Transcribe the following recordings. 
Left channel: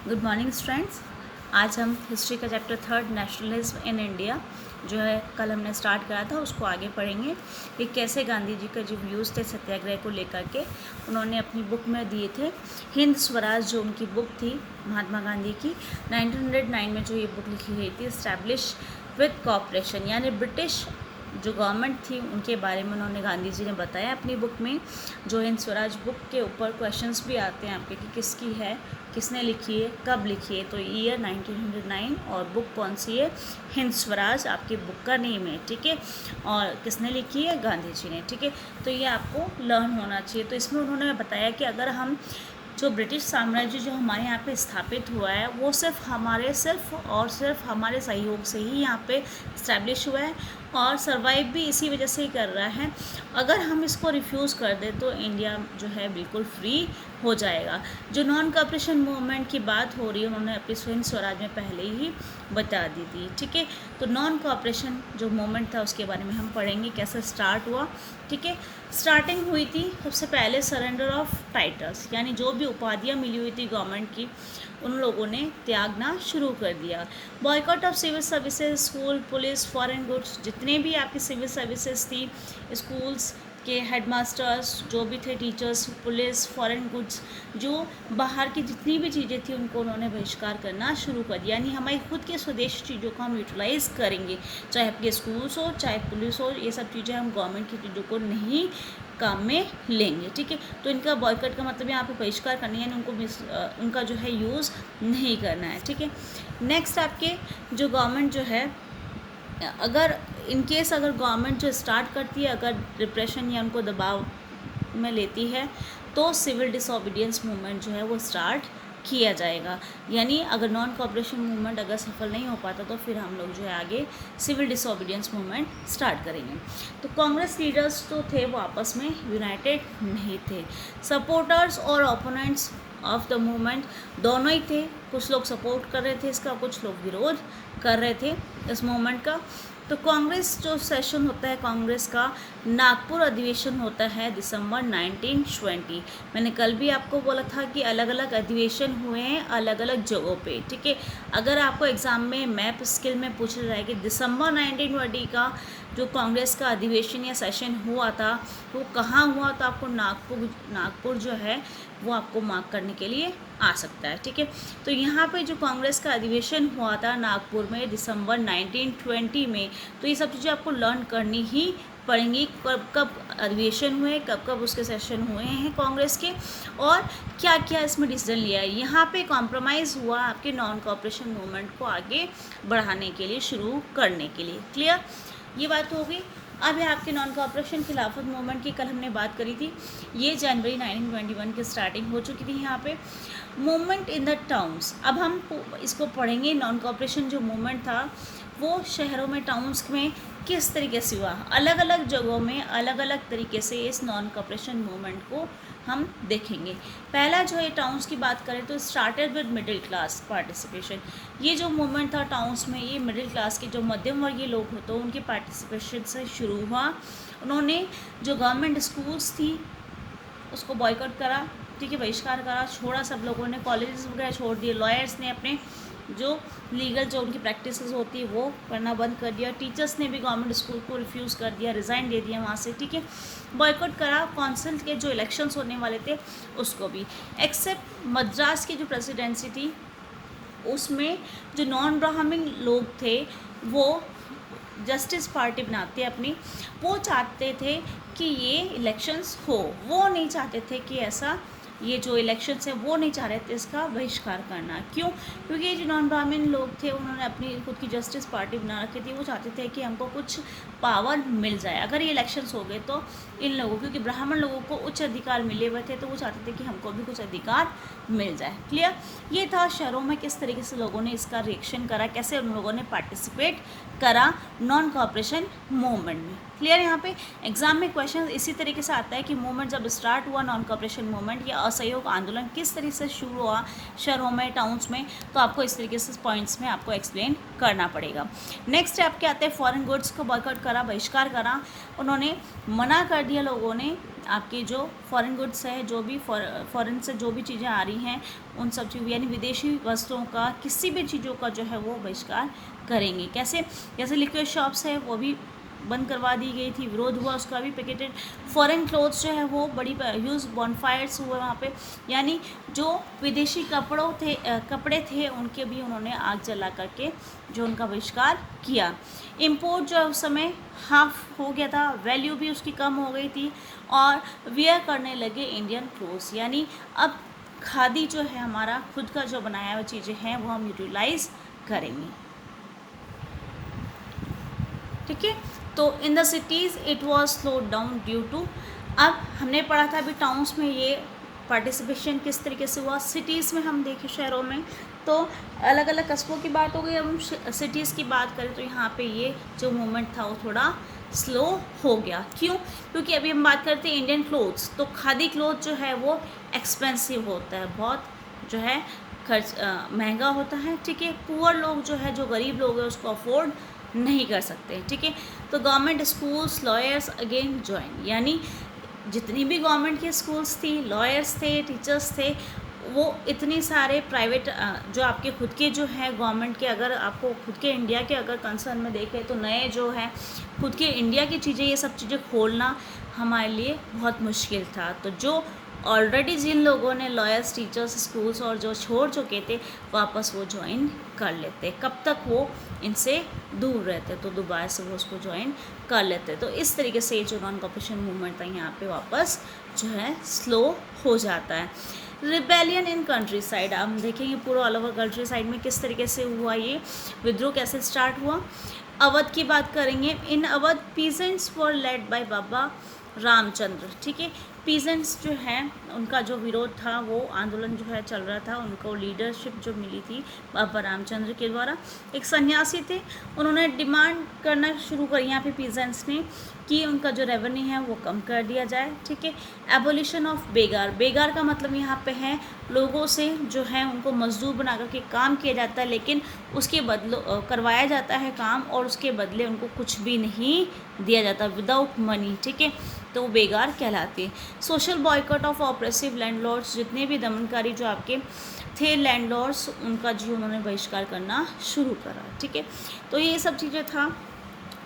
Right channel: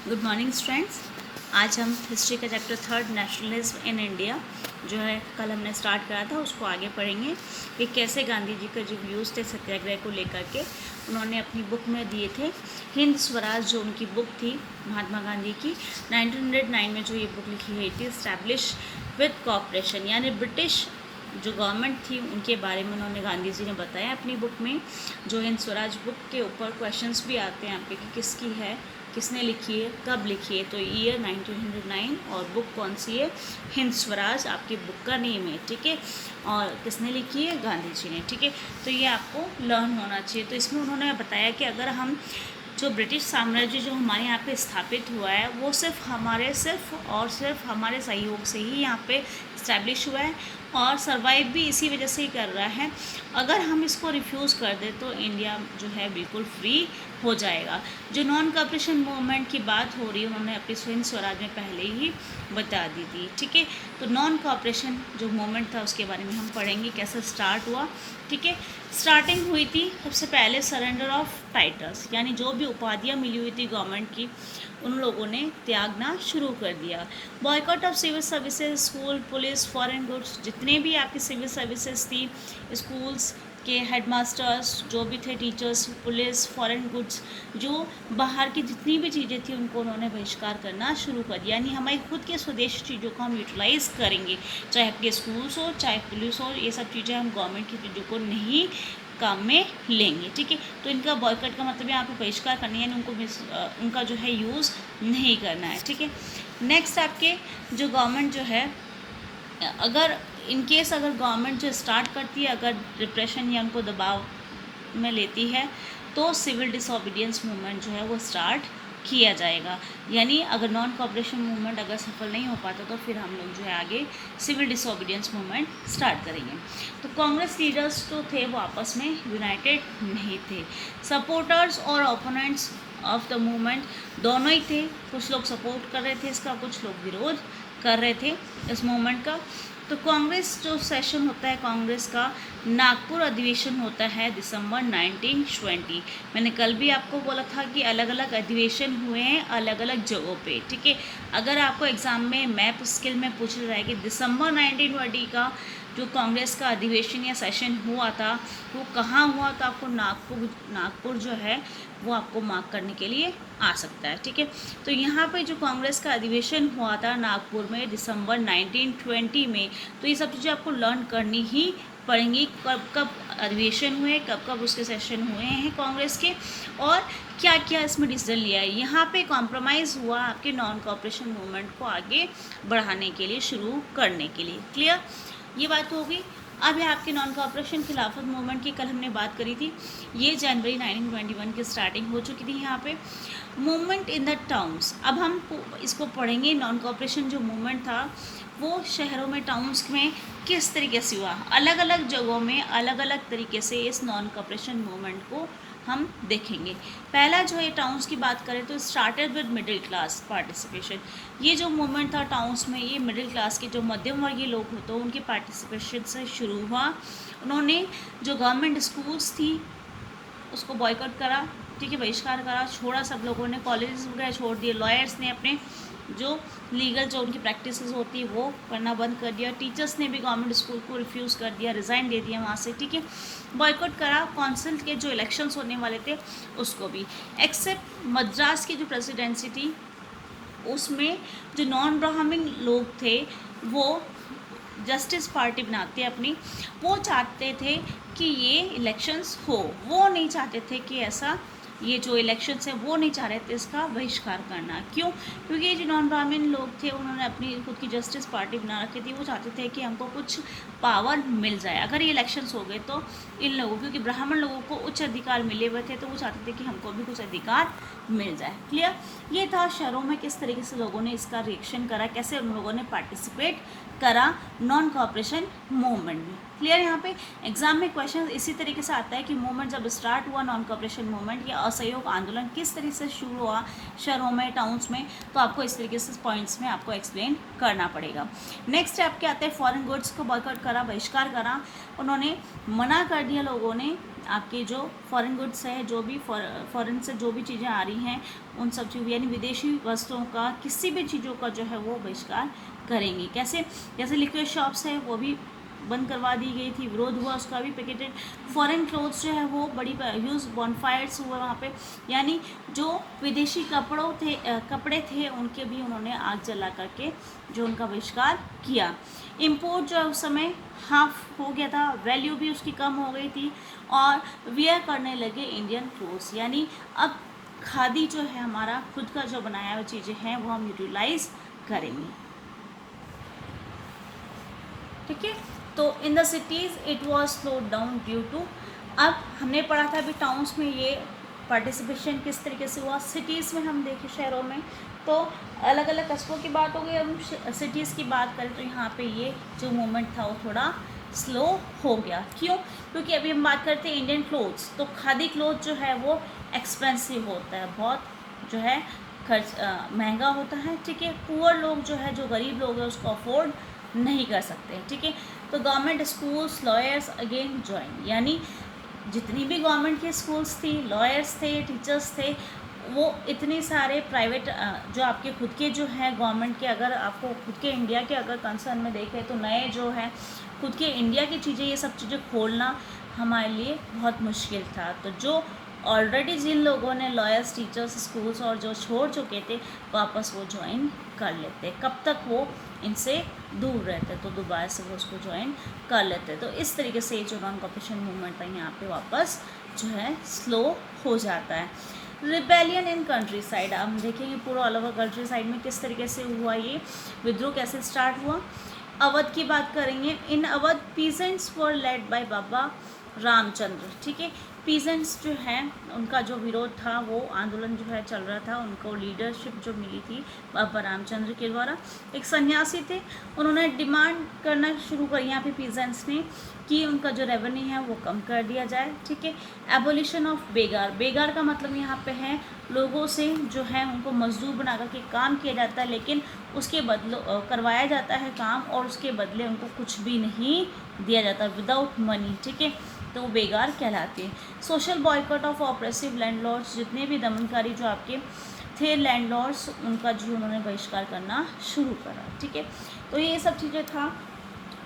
Good morning students. आज हम history का चैप्टर 3 नेशनलिज्म इन इंडिया जो है कल हमने स्टार्ट करा था उसको आगे पढ़ेंगे कि कैसे गांधी जी के जो व्यूज़ थे सत्याग्रह को लेकर के उन्होंने अपनी बुक में दिए थे। हिंद स्वराज जो उनकी बुक थी महात्मा गांधी की 1909 में जो ये बुक लिखी गई थी, इस्टेब्लिश विद कॉपरेशन, यानी ब्रिटिश जो गवर्नमेंट थी उनके बारे में उन्होंने गांधी जी ने बताया अपनी बुक में। जो हिंद स्वराज बुक के ऊपर क्वेश्चंस भी आते हैं आपके कि किसकी है, किसने लिखी है, कब लिखी है। तो ईयर 1909 और बुक कौन सी है, हिंद स्वराज आपकी बुक का नेम है, ठीक है। और किसने लिखी है, गांधी जी ने, ठीक है। तो ये आपको लर्न होना चाहिए। तो इसमें उन्होंने बताया कि अगर हम जो ब्रिटिश साम्राज्य जो हमारे यहाँ पे स्थापित हुआ है वो सिर्फ हमारे सहयोग से ही यहाँ पे इस्टेब्लिश हुआ है और सरवाइव भी इसी वजह से ही कर रहा है। अगर हम इसको रिफ्यूज़ कर दें तो इंडिया जो है बिल्कुल फ्री हो जाएगा। जो नॉन कॉपरेशन मूवमेंट की बात हो रही है उन्होंने अपनी हिंद स्वराज में पहले ही बता दी थी, ठीक है। तो नॉन कॉपरेशन जो मूवमेंट था उसके बारे में हम पढ़ेंगे कैसे स्टार्ट हुआ, ठीक है। स्टार्टिंग हुई थी सबसे पहले सरेंडर ऑफ टाइटल्स, यानी जो भी उपाधियाँ मिली हुई थी गवर्नमेंट की उन लोगों ने त्यागना शुरू कर दिया। Boycott of civil services, school, police, foreign goods, जितने भी आपकी सिविल सर्विसेज थी, स्कूल्स के हेडमास्टर्स जो भी थे, टीचर्स, पुलिस, फॉरेन गुड्स, जो बाहर की जितनी भी चीज़ें थी उनको उन्होंने बहिष्कार करना शुरू कर दिया। यानी हमारी खुद के स्वदेशी चीज़ों को हम यूटिलाइज़ करेंगे, चाहे आपके स्कूल्स हो चाहे पुलिस हो, ये सब चीज़ें हम गवर्नमेंट की चीज़ों को नहीं काम में लेंगे, ठीक है। तो इनका बॉयकॉट का मतलब है आपको बहिष्कार करना है, यानी उनको उनका जो है यूज़ नहीं करना है, ठीक है। नेक्स्ट आपके जो गवर्नमेंट जो है, अगर इन केस अगर गवर्नमेंट जो स्टार्ट करती है अगर डिप्रेशन या उनको दबाव में लेती है तो सिविल डिसोबीडियंस मूवमेंट जो है वो स्टार्ट किया जाएगा। यानी अगर नॉन कॉपरेशन मूवमेंट अगर सफल नहीं हो पाता तो फिर हम लोग जो है आगे सिविल डिसोबीडियंस मूवमेंट स्टार्ट करेंगे। तो कांग्रेस लीडर्स जो थे वो आपस में यूनाइटेड नहीं थे। सपोर्टर्स और ओपोनेंट्स ऑफ द मूवमेंट दोनों ही थे। कुछ लोग सपोर्ट कर रहे थे इसका, कुछ लोग विरोध कर रहे थे इस मूवमेंट का। तो कांग्रेस जो सेशन होता है कांग्रेस का, नागपुर अधिवेशन होता है दिसंबर 1920। मैंने कल भी आपको बोला था कि अलग अलग अधिवेशन हुए हैं अलग अलग जगहों पे, ठीक है। अगर आपको एग्ज़ाम में मैप स्किल में पूछ रहा है कि दिसंबर 1920 का जो कांग्रेस का अधिवेशन या सेशन हुआ था वो कहाँ हुआ, तो आपको नागपुर जो है वो आपको मार्क करने के लिए आ सकता है, ठीक है। तो यहाँ पे जो कांग्रेस का अधिवेशन हुआ था नागपुर में दिसंबर 1920 में, तो ये सब चीज़ें आपको लर्न करनी ही पढ़ेंगी। कब कब अधिवेशन हुए, कब कब उसके सेशन हुए हैं कांग्रेस के, और क्या क्या इसमें डिसीजन लिया है। यहाँ पे कॉम्प्रोमाइज़ हुआ आपके नॉन कॉपरेशन मूवमेंट को आगे बढ़ाने के लिए, शुरू करने के लिए। क्लियर, ये बात होगी। अब है आपके नॉन कॉपरेशन खिलाफत मूवमेंट की, कल हमने बात करी थी। ये जनवरी 1921 की स्टार्टिंग हो चुकी थी यहाँ पे। मूवमेंट इन द टाउन्स, अब हम इसको पढ़ेंगे। नॉन कॉपरेशन जो मूवमेंट था वो शहरों में, टाउन्स में किस तरीके से हुआ, अलग अलग जगहों में अलग अलग तरीके से इस नॉन कॉपरेशन मूवमेंट को हम देखेंगे। पहला जो है टाउन्स की बात करें तो started with middle class participation. ये जो मूवमेंट था टाउन्स में, ये मिडिल क्लास के जो मध्यम वर्गीय लोग होते हैं उनके पार्टिसिपेशन से शुरू हुआ। उन्होंने जो गवर्नमेंट स्कूल्स थी उसको बॉयकॉट करा, ठीक है, बहिष्कार करा, छोड़ा सब लोगों ने, कॉलेजेस वगैरह छोड़ दिए। लॉयर्स ने अपने जो लीगल जो उनकी प्रैक्टिसेस होती है वो करना बंद कर दिया। टीचर्स ने भी गवर्नमेंट स्कूल को रिफ्यूज़ कर दिया, रिज़ाइन दे दिया वहाँ से, ठीक है। बॉयकॉट करा काउंसिल के जो इलेक्शंस होने वाले थे उसको भी, एक्सेप्ट मद्रास की जो प्रेसिडेंसी थी उसमें जो नॉन ब्राह्मण लोग थे वो जस्टिस पार्टी बनाते अपनी, वो चाहते थे कि ये इलेक्शंस हो, वो नहीं चाहते थे कि ऐसा ये जो इलेक्शंस है वो नहीं चाह रहे थे इसका बहिष्कार करना। क्यों? क्योंकि ये जो नॉन ब्राह्मण लोग थे उन्होंने अपनी खुद की जस्टिस पार्टी बना रखी थी। वो चाहते थे कि हमको कुछ पावर मिल जाए अगर ये इलेक्शंस हो गए तो इन लोगों, क्योंकि ब्राह्मण लोगों को उच्च अधिकार मिले हुए थे तो वो चाहते थे कि हमको भी कुछ अधिकार मिल जाए। क्लियर, ये था शहरों में किस तरीके से लोगों ने इसका रिएक्शन करा, कैसे उन लोगों ने पार्टिसिपेट करा नॉन कॉपरेशन मूवमेंट में। क्लियर, यहाँ पे एग्जाम में क्वेश्चन इसी तरीके से आता है कि मूवमेंट जब स्टार्ट हुआ नॉन कॉपरेशन मूवमेंट या असहयोग आंदोलन किस तरीके से शुरू हुआ शहरों में, टाउन्स में, तो आपको इस तरीके से पॉइंट्स में आपको एक्सप्लेन करना पड़ेगा। नेक्स्ट आपके आते हैं फॉरेन गुड्स को बॉयकॉट करा, बहिष्कार करा, उन्होंने मना कर दिया लोगों ने आपकी जो फॉरेन गुड्स हैं, जो भी फॉरेन से जो भी चीज़ें आ रही हैं, उन सब चीज़ यानी विदेशी वस्तुओं का, किसी भी चीज़ों का जो है वो बहिष्कार करेंगे। कैसे? जैसे लिक्विड शॉप्स है वो भी बंद करवा दी गई थी, विरोध हुआ उसका भी। पैकेटेड फॉरेन क्लोथ्स जो है वो बड़ी ह्यूज बॉनफायर्स हुआ वहाँ पे, यानी जो विदेशी कपड़े थे उनके भी उन्होंने आग जला करके जो उनका बहिष्कार किया। इम्पोर्ट जो है उस समय हाफ हो गया था, वैल्यू भी उसकी कम हो गई थी, और वियर करने लगे इंडियन क्लोथ्स, यानी अब खादी जो है हमारा खुद का जो बनाया हुआ चीज़ें हैं वो हम यूटिलाइज करेंगे। ठीक है, तो in the cities it was slowed down due to, अब हमने पढ़ा था अभी टाउन्स में ये पार्टिसिपेशन किस तरीके से हुआ। सिटीज़ में हम देखें, शहरों में तो अलग अलग कस्बों की बात हो गई। अब हम सिटीज़ की बात करें तो यहाँ पे ये जो मूवमेंट था वो थोड़ा स्लो हो गया। क्यों? क्योंकि अभी हम बात करते हैं इंडियन क्लोथ्स, तो खादी क्लोथ जो है वो एक्सपेंसिव होता है, बहुत जो है खर्च महंगा होता है। ठीक है, पुअर लोग जो है, जो गरीब लोग हैं उसको अफोर्ड नहीं कर सकते। ठीक है, तो government schools, lawyers again join, यानी जितनी भी गवर्नमेंट की स्कूल्स थी, लॉयर्स थे, टीचर्स थे, वो इतने सारे प्राइवेट जो आपके खुद के जो है गवर्नमेंट के, अगर आपको खुद के इंडिया के अगर कंसर्न में देखें तो नए जो है खुद के इंडिया की चीज़ें, ये सब चीज़ें खोलना हमारे लिए बहुत मुश्किल था। तो जो ऑलरेडी जिन लोगों ने लॉयर्स, टीचर्स, स्कूल्स और जो छोड़ चुके थे, वापस वो ज्वाइन कर लेते। कब तक वो इनसे दूर रहते, तो दोबारा से वो उसको ज्वाइन कर लेते। तो इस तरीके से जो नॉन कॉपरेशन मूवमेंट था यहाँ पे वापस जो है स्लो हो जाता है। रिबेलियन इन कंट्री साइड, हम देखेंगे पूरा ऑल ओवर कंट्री साइड में किस तरीके से हुआ, ये विद्रोह कैसे स्टार्ट हुआ। अवध की बात करेंगे। In Awadh peasants were led by Baba Ramchandra. ठीक है, पीजेंट्स जो हैं उनका जो विरोध था, वो आंदोलन जो है चल रहा था, उनको लीडरशिप जो मिली थी बाबा रामचंद्र के द्वारा। एक सन्यासी थे, उन्होंने डिमांड करना शुरू करी यहाँ पे पीजेंट्स ने कि उनका जो रेवेन्यू है वो कम कर दिया जाए। ठीक है, एबोलिशन ऑफ बेगार, बेगार का मतलब यहाँ पे है लोगों से जो है उनको मजदूर बना करके काम किया जाता है, लेकिन उसके बदले करवाया जाता है काम, और उसके बदले उनको कुछ भी नहीं दिया जाता, विदाउट मनी। ठीक है, तो बेगार कहलाती है। Social boycott of oppressive landlords, जितने भी दमनकारी जो आपके थे लैंडलॉर्ड्स, उनका जो उन्होंने बहिष्कार करना शुरू करा। ठीक है, तो ये सब चीज़ें था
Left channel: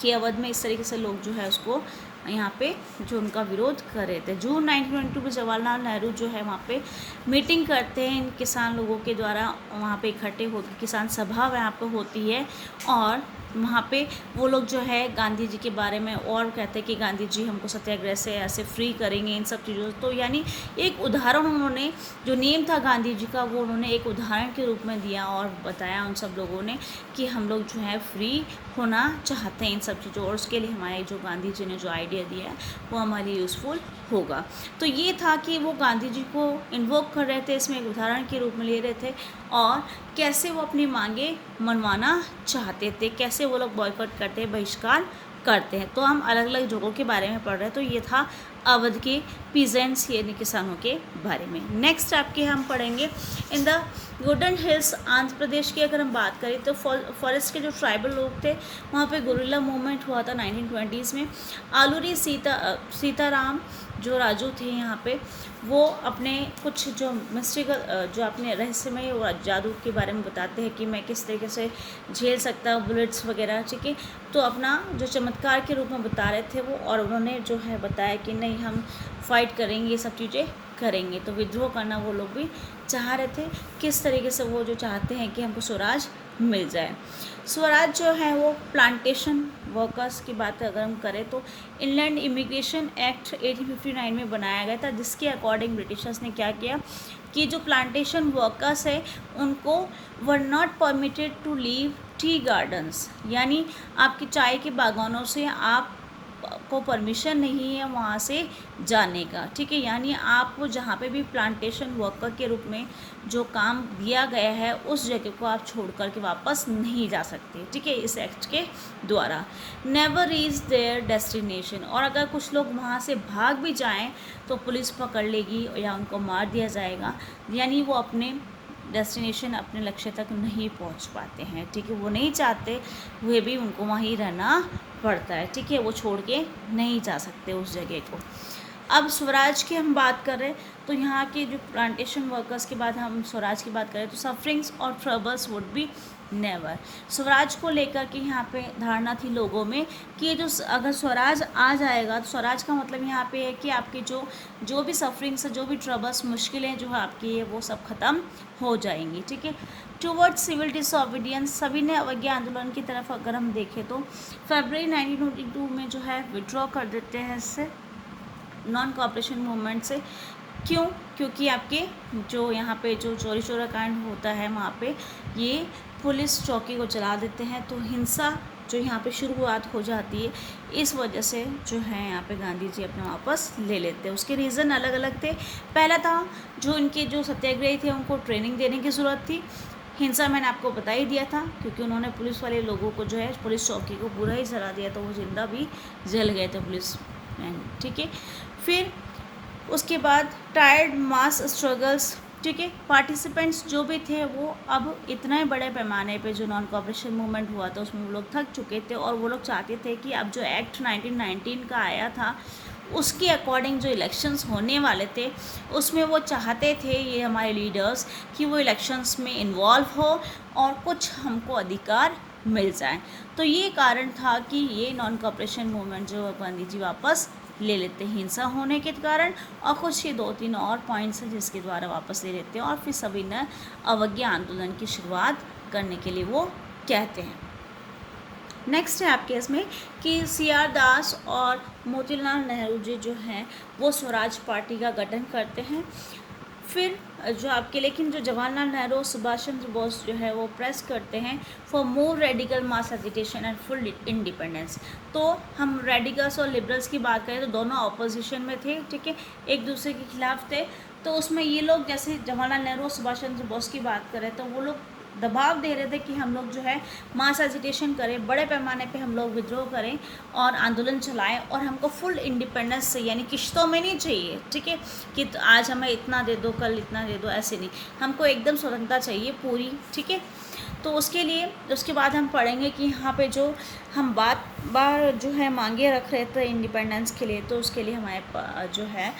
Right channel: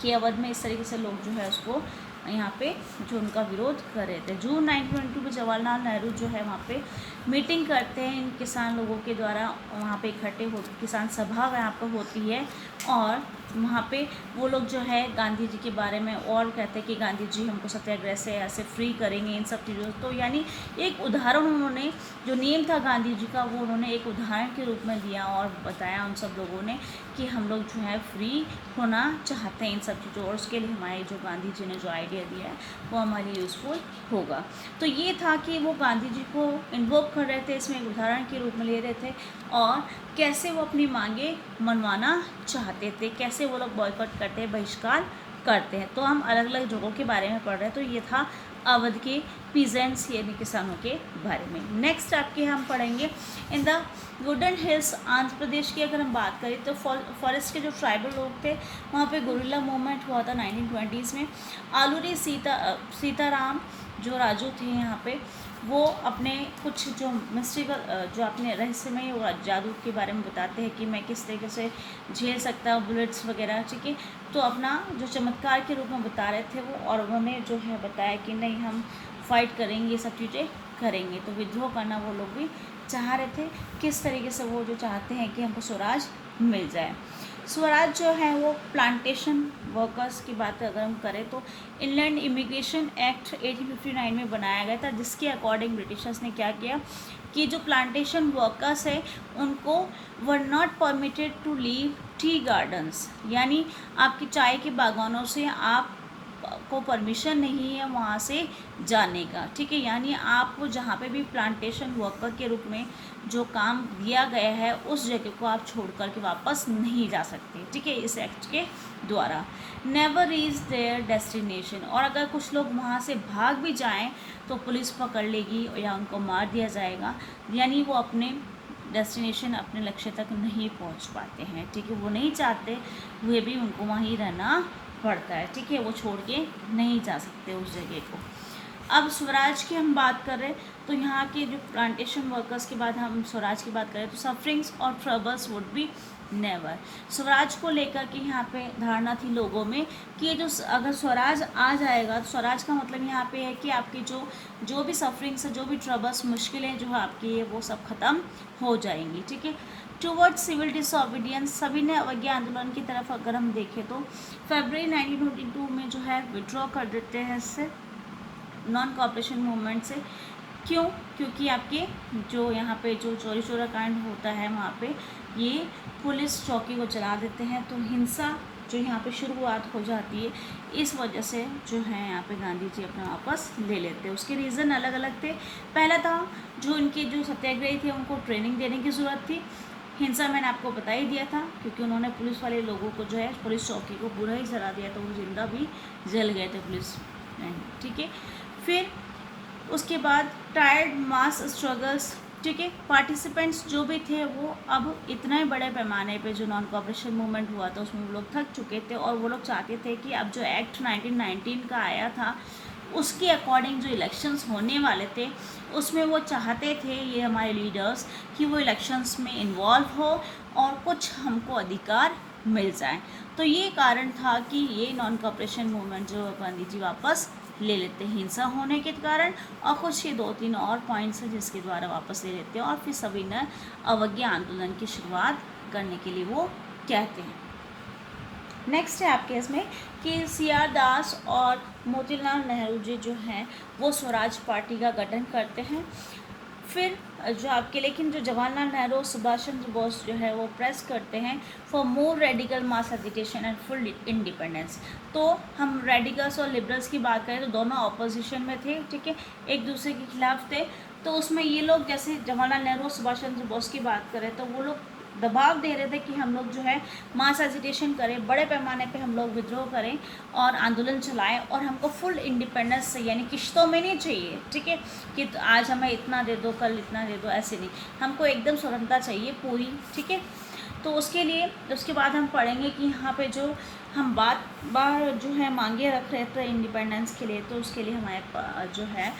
कि अवध में इस तरीके से लोग जो है उसको यहाँ पे जो उनका विरोध कर रहे थे। जून 1922 में जवाहरलाल नेहरू जो है वहाँ पे मीटिंग करते हैं इन किसान लोगों के द्वारा, वहाँ पे इकट्ठे होकर किसान सभा यहाँ पे होती है, और वहाँ पे वो लोग जो है गांधी जी के बारे में और कहते हैं कि गांधी जी हमको सत्याग्रह से ऐसे फ्री करेंगे, इन सब चीज़ों। तो यानी एक उदाहरण उन्होंने, जो नेम था गांधी जी का, वो उन्होंने एक उदाहरण के रूप में दिया और बताया उन सब लोगों ने कि हम लोग जो है फ्री होना चाहते हैं इन सब चीज़ों, और उसके लिए हमारे जो गांधी जी ने जो आइडिया दिया है वो हमारे यूज़फुल होगा। तो ये था कि वो गांधी जी को इन्वोक कर रहे थे, इसमें एक उदाहरण के रूप में ले रहे थे, और कैसे वो अपनी मांगे मनवाना चाहते थे, कैसे वो लोग बॉयकॉट करते हैं, बहिष्कार करते हैं। तो हम अलग अलग जगहों के बारे में पढ़ रहे हैं। तो ये था अवध के पीजेंट्स यानी किसानों के बारे में। नेक्स्ट आपके हम पढ़ेंगे in the wooden hills, Andhra Pradesh की अगर हम बात करें तो फॉरेस्ट के जो ट्राइबल लोग थे वहाँ पे गुरिल्ला मूवमेंट हुआ था 1920s में। आलूरी सीताराम जो राजू थे यहाँ पे, वो अपने कुछ जो मिस्टिकल जो अपने रहस्यमय जादू के बारे में बताते हैं कि मैं किस तरीके से झेल सकता हूँ बुलेट्स वगैरह। ठीक है, तो अपना जो चमत्कार के रूप में बता रहे थे वो, और उन्होंने जो है बताया कि नहीं हम फाइट करेंगे, ये सब चीज़ें करेंगे। तो विद्रोह करना वो लोग भी चाह रहे थे, किस तरीके से वो जो चाहते हैं कि हमको स्वराज मिल जाए। स्वराज जो है वो प्लांटेशन वर्कर्स की बात अगर हम करें तो इनलैंड इमिग्रेशन एक्ट 1859 में बनाया गया था, जिसके अकॉर्डिंग ब्रिटिशर्स ने क्या किया कि जो प्लांटेशन वर्कर्स है उनको were not permitted to leave tea gardens, यानी आपकी चाय के बागानों से आपको परमिशन नहीं है वहाँ से जाने का। ठीक है, यानी आपको जहाँ पे भी प्लांटेशन वर्कर के रूप में जो काम दिया गया है उस जगह को आप छोड़ कर के वापस नहीं जा सकते। ठीक है, इस एक्ट के द्वारा। नेवर रीच देयर डेस्टिनेशन, और अगर कुछ लोग वहाँ से भाग भी जाएं तो पुलिस पकड़ लेगी या उनको मार दिया जाएगा, यानी वो अपने डेस्टिनेशन, अपने लक्ष्य तक नहीं पहुंच पाते हैं। ठीक है, वो नहीं चाहते हुए भी उनको वहीं रहना पड़ता है। ठीक है, वो छोड़ के नहीं जा सकते उस जगह को। अब स्वराज की हम बात कर रहे हैं तो यहाँ के जो प्लांटेशन वर्कर्स के बाद हम स्वराज की बात करें तो सफरिंग्स और troubles would be never. Swaraj को लेकर के यहाँ पे धारणा थी लोगों में कि जो अगर स्वराज आ जाएगा तो स्वराज का मतलब यहाँ पे है कि आपकी जो भी सफरिंग्स, जो भी ट्रबल्स, मुश्किलें जो है आपकी है वो सब खत्म हो जाएंगी, ठीक है। टूवर्ड्स सिविल डिसओबीडियंस, सभी ने अवज्ञा आंदोलन की तरफ अगर हम देखें तो फरवरी 1942 में जो है विड्रॉ कर देते हैं इससे, नॉन कोऑपरेशन मूवमेंट से। क्यों? क्योंकि आपके जो यहाँ पे जो चोरी चोरा कांड होता है वहाँ पे ये पुलिस चौकी को चला देते हैं, तो हिंसा जो यहाँ पे शुरुआत हो जाती है, इस वजह से जो है यहाँ पे गांधी जी अपना वापस ले लेते हैं। उसके रीज़न अलग अलग थे। पहला था जो इनके जो सत्याग्रही थे उनको ट्रेनिंग देने की ज़रूरत थी। हिंसा मैंने आपको बता ही दिया था, क्योंकि उन्होंने पुलिस वाले लोगों को जो है पुलिस चौकी को पूरा ही जला दिया, तो वो जिंदा भी जल गए थे पुलिस मैन, ठीक है। फिर उसके बाद टायर्ड मास स्ट्रगल्स, ठीक है। पार्टिसिपेंट्स जो भी थे वो अब इतने बड़े पैमाने पे जो नॉन कोऑपरेशन मूवमेंट हुआ था उसमें वो लोग थक चुके थे, और वो लोग चाहते थे कि अब जो एक्ट 1919 का आया था उसके अकॉर्डिंग जो इलेक्शंस होने वाले थे उसमें वो चाहते थे, ये हमारे लीडर्स, कि वो इलेक्शंस में इन्वॉल्व हो और कुछ हमको अधिकार मिल जाए। तो ये कारण था कि ये नॉन कोऑपरेशन मूवमेंट जो गांधी जी वापस ले लेते हैं हिंसा होने के कारण, और कुछ ये 2-3 और पॉइंट्स हैं जिसके द्वारा वापस ले लेते हैं, और फिर सभी ने अवज्ञा आंदोलन की शुरुआत करने के लिए वो कहते हैं। नेक्स्ट है आपके इसमें कि CR दास और मोतीलाल नेहरू जी जो हैं वो स्वराज पार्टी का गठन करते हैं। फिर जो आपके लेकिन जो जवाहरलाल नेहरू और सुभाष चंद्र बोस जो है वो प्रेस करते हैं for more radical mass agitation and full independence. तो हम रेडिकल्स और लिबरल्स की बात करें तो दोनों ऑपोजिशन में थे, ठीक है, एक दूसरे के खिलाफ थे। तो उसमें ये लोग जैसे जवाहरलाल नेहरू और सुभाष चंद्र बोस की बात करें तो वो लोग दबाव दे रहे थे कि हम लोग जो है मास एजिटेशन करें, बड़े पैमाने पे हम लोग विद्रोह करें और आंदोलन चलाएं, और हमको फुल इंडिपेंडेंस से, यानी किश्तों में नहीं चाहिए, ठीक है, कि आज हमें इतना दे दो, कल इतना दे दो, ऐसे नहीं, हमको एकदम स्वतंत्रता चाहिए पूरी, ठीक है। तो उसके लिए उसके बाद हम पढ़ेंगे कि यहाँ पे जो हम बार जो है मांगे रख रहे थे इंडिपेंडेंस के लिए, तो उसके लिए हमारे जो है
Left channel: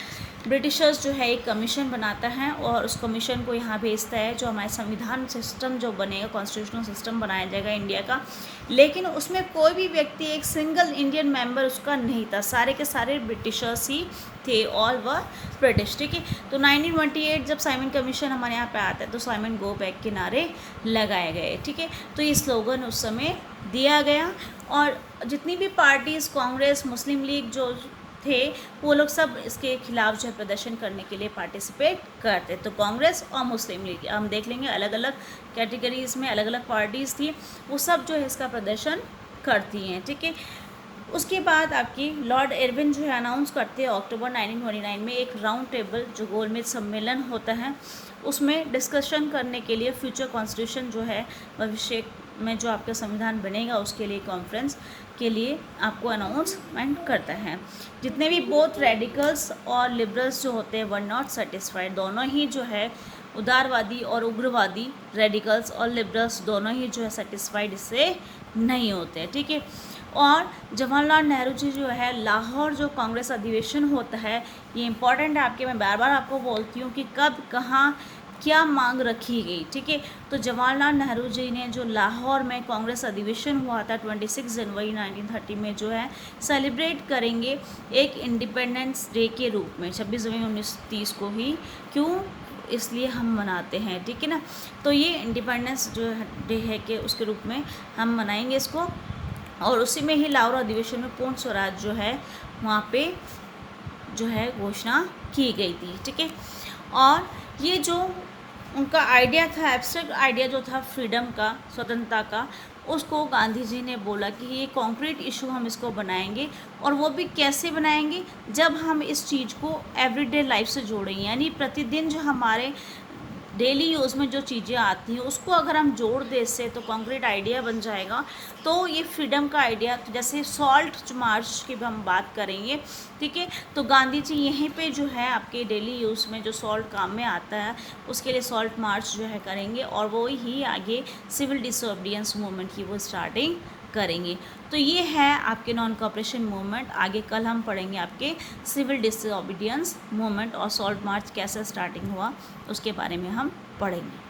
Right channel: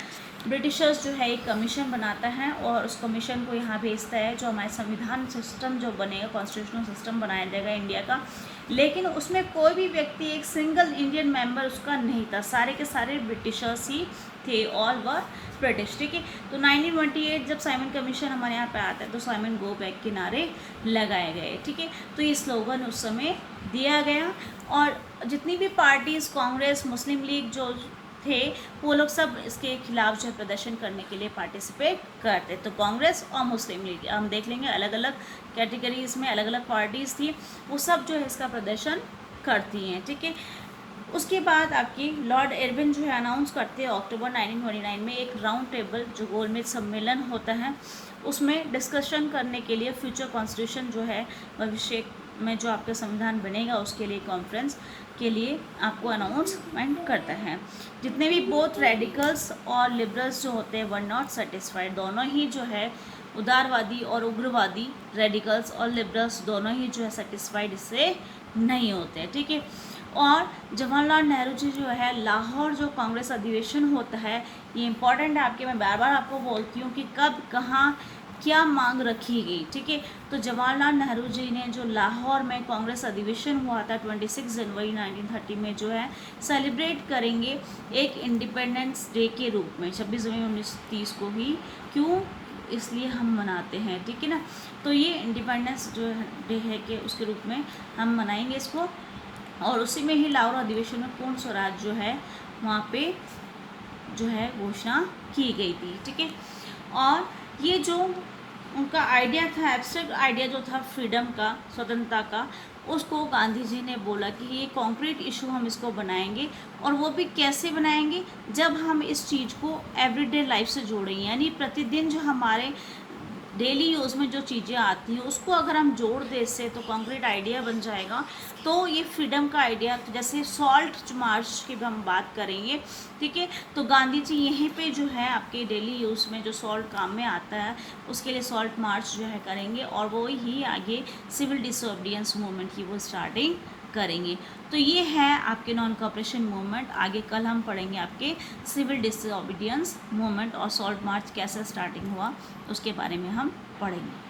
ब्रिटिशर्स जो है एक कमीशन बनाता है और उस कमीशन को यहाँ भेजता है, जो हमारा संविधान सिस्टम जो बनेगा, कॉन्स्टिट्यूशनल सिस्टम बनाया जाएगा इंडिया का। लेकिन उसमें कोई भी व्यक्ति, एक सिंगल इंडियन मेंबर उसका नहीं था, सारे के सारे ब्रिटिशर्स ही थे, और वह ब्रिटिश, ठीक है। तो 1928 जब साइमन कमीशन हमारे यहाँ पे आता है तो साइमन गो बैक के नारे लगाए गए, ठीक है। तो ये स्लोगन उस समय दिया गया, और जितनी भी पार्टीज़, कांग्रेस, मुस्लिम लीग जो थे वो लोग सब इसके खिलाफ जो प्रदर्शन करने के लिए पार्टिसिपेट करते। तो कांग्रेस और मुस्लिम लीग हम देख लेंगे, अलग अलग कैटेगरीज में अलग अलग पार्टीज़ थी, वो सब जो है इसका प्रदर्शन करती हैं, ठीक है। उसके बाद आपकी लॉर्ड इरविन जो है अनाउंस करते हैं अक्टूबर 1929 में एक राउंड टेबल जो गोलमेज सम्मेलन होता है, उसमें डिस्कशन करने के लिए फ्यूचर कॉन्स्टिट्यूशन जो है भविष्य में जो आपका संविधान बनेगा उसके लिए कॉन्फ्रेंस के लिए आपको अनाउंसमेंट करता है। जितने भी बोथ रेडिकल्स और लिबरल्स जो होते हैं वर नॉट सेटिस्फाइड, दोनों ही जो है उदारवादी और उग्रवादी, रेडिकल्स और लिबरल्स दोनों ही जो है सेटिस्फाइड इससे नहीं होते, ठीक है। और जवाहरलाल नेहरू जी जो है लाहौर जो कांग्रेस अधिवेशन होता है, ये इंपॉर्टेंट है आपके, मैं बार बार आपको बोलती हूँ कि कब कहाँ क्या मांग रखी गई, ठीक है। तो जवाहरलाल नेहरू जी ने जो लाहौर में कांग्रेस अधिवेशन हुआ था 26 जनवरी 1930 में जो है सेलिब्रेट करेंगे एक इंडिपेंडेंस डे के रूप में, 26 जनवरी 1930 को ही, क्यों, इसलिए हम मनाते हैं, ठीक है ना। तो ये इंडिपेंडेंस जो डे है कि उसके रूप में हम मनाएंगे इसको, और उसी में ही लाहौर अधिवेशन में पूर्ण स्वराज जो है वहाँ पे जो है घोषणा की गई थी, ठीक है। और ये जो उनका आइडिया था, एब्स्ट्रैक्ट आइडिया जो था फ्रीडम का, स्वतंत्रता का, उसको गांधी जी ने बोला कि ये कॉन्क्रीट इशू हम इसको बनाएंगे, और वो भी कैसे बनाएंगे, जब हम इस चीज़ को एवरीडे लाइफ से जोड़ेंगे, यानी प्रतिदिन जो हमारे डेली यूज़ में जो चीज़ें आती हैं उसको अगर हम जोड़ दें इससे, तो कॉन्क्रीट आइडिया बन जाएगा। तो ये फ्रीडम का आइडिया, जैसे सॉल्ट मार्च की हम बात करेंगे, ठीक है, तो गांधी जी यहीं पे जो है आपके डेली यूज़ में जो सॉल्ट काम में आता है उसके लिए सॉल्ट मार्च जो है करेंगे, और वो ही आगे सिविल डिसोबीडियंस मूवमेंट की वो स्टार्टिंग करेंगे। तो ये है आपके नॉन कोऑपरेशन मूवमेंट। आगे कल हम पढ़ेंगे आपके सिविल डिसोबीडियंस मूवमेंट और सॉल्ट मार्च कैसे स्टार्टिंग हुआ उसके बारे में हम पढ़ेंगे।